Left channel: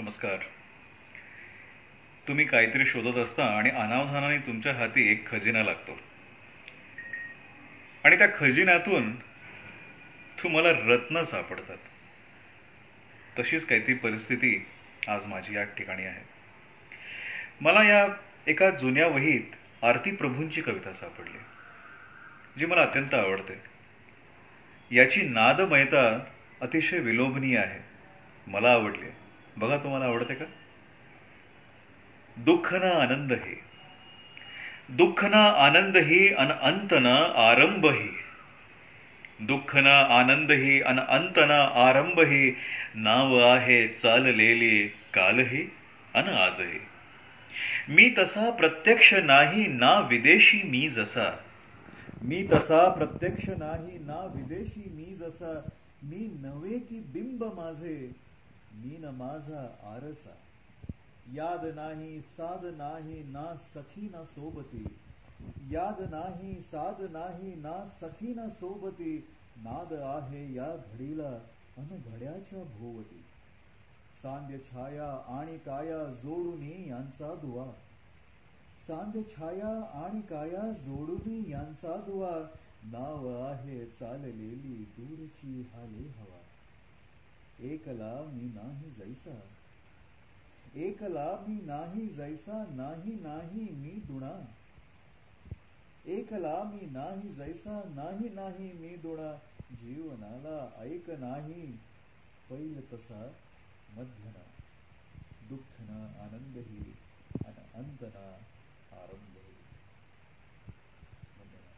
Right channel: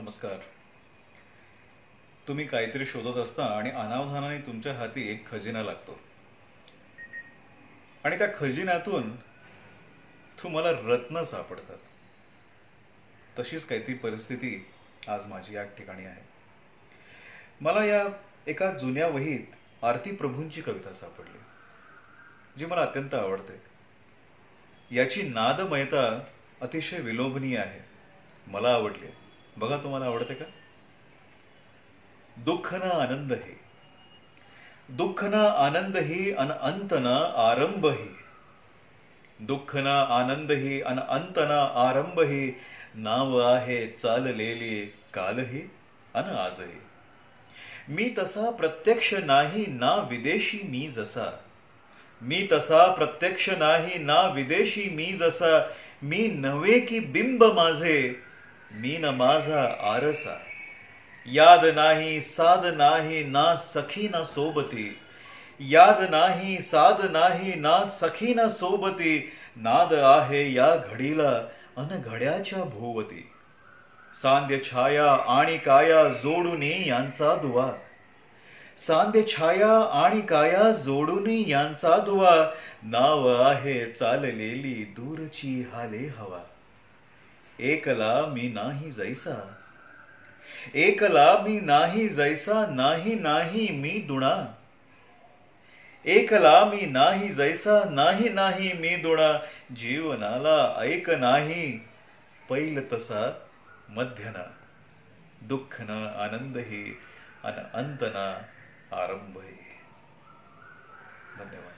नमस्कार. तुम्ही काहीतरी शोधत असता आणि अनावधानाने तुमच्या हाती एक खजिना लागतो आणि त्या खजिन्यातून तुम्हाला रत्न सापडतात. तशीच काहीतरी परिस्थिती आज माझी या ठिकाणी आहे. मला या एका जुन्या वहीत आरती प्रभूंची कविता सापडली, जी मला अत्यंत आवडते. याची नादमयता अतिशय विलोभनीय आहे. मला आवडली. बघा, तुम्हाला आवडते का? दुःख ना आनंद ही, दुःख ना आनंद ही अन अंत ना आरंभ ही, दुःख ना आनंद ही अन अंत ना आरंभ ही, नाव आहे चाललेली कालही अन आजही. मी तसा प्रत्यक्ष नाही ना विदेशी मी जसा, मी तसा प्रत्यक्ष नाही ना विदेशी मी जसा, मी नव्हे की बिंब माझे, मी न माझा आरसा. याद नाही साध नाही ना सखी ना सोबती, याद नाही साध नाही ना सखी ना सोबती, नाद आहे या घडीला अन घड्याच्या भोवती. सांध्य छाया आणि काया जोडून यांचा दुवा, सांध्य छाया आणि काया जोडून यांचा दुवा, नाव आहे चाललेली दूरची हाले हवा. एकला मी नाही जैसा, एकला मी नाही जैसा, नाही नाही मी दुणा, एकला मी नाही जैसा, नाही नाही मी दुणा. जीवनाला ऐक नाही पैल तसा मध्यना, दुःख ना आनंद ही अन अंत ना आरंभ ही. धन्यवाद.